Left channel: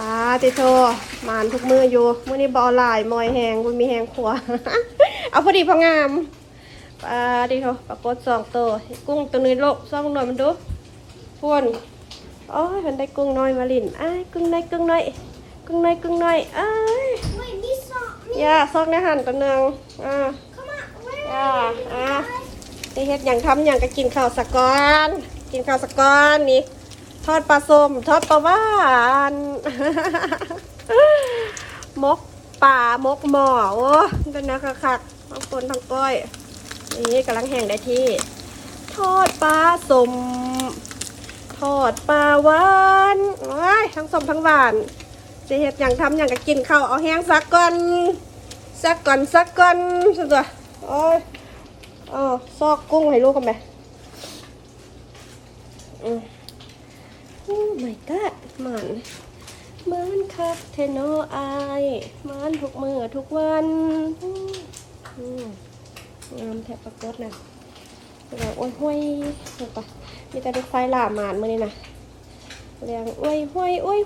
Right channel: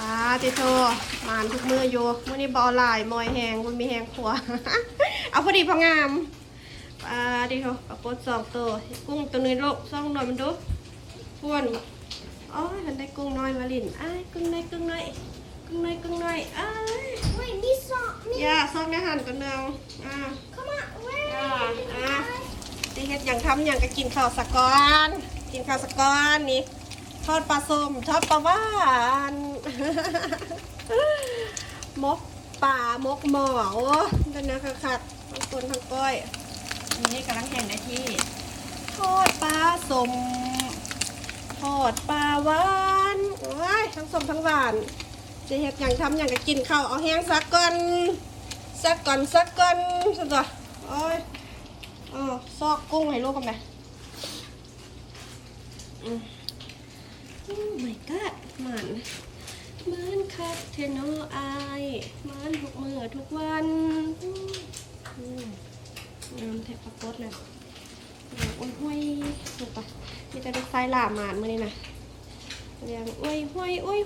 ปลาติโทหมานทุกมืออยู่มื้อนี้บอลายมอยแหงบุญมีแหงขัว เอาพอดีพองามปลาติโทปลากดสองตัวกุ้งตัวนึงโลกซ่องหน่อยมันดูพวนโอ้ยมันได้กุ้งน้อยมาลินอ้ายกุ้งน้อยกุ้งน้อยกุ้งน้อยกุ้งน้อยอ้าย Wait, this song. ย่าซอกในหั่นตัวหนึงอ่า Come on, where? อ่าอ่าได้เฮ็ดอย่างทำอย่างก็กินข้าวสะก้อน กินข้าวสะก้อนนี่ ทอดปลาส้มทอดปลาหวานมกป่ามกหมอโอ้เป็นนะคักๆทั้งคนทั้งก้อยนี่กำลังแห้งได้ที่ ทอดปลาสมทอดปลาหวานว้ายทั้งสมทั้งหวานจะเฮ็ดอย่างทำอย่างก็กินข้าวเอาแห้งสักก่อนสักก่อนสักก่อนสุดตัวโอ้ยเออซอกกุ้งให้ลูกกันไหมอืม โอ้ my god มันมันคักเทโนอไอมันทุกมือทุกวันงามแทบประกดนะเรียงอ้วยห้วยถูกปะมีแต่ลูกไฟหลามหมานมือนี่นะเรียงอ้วยห้วยอ้วย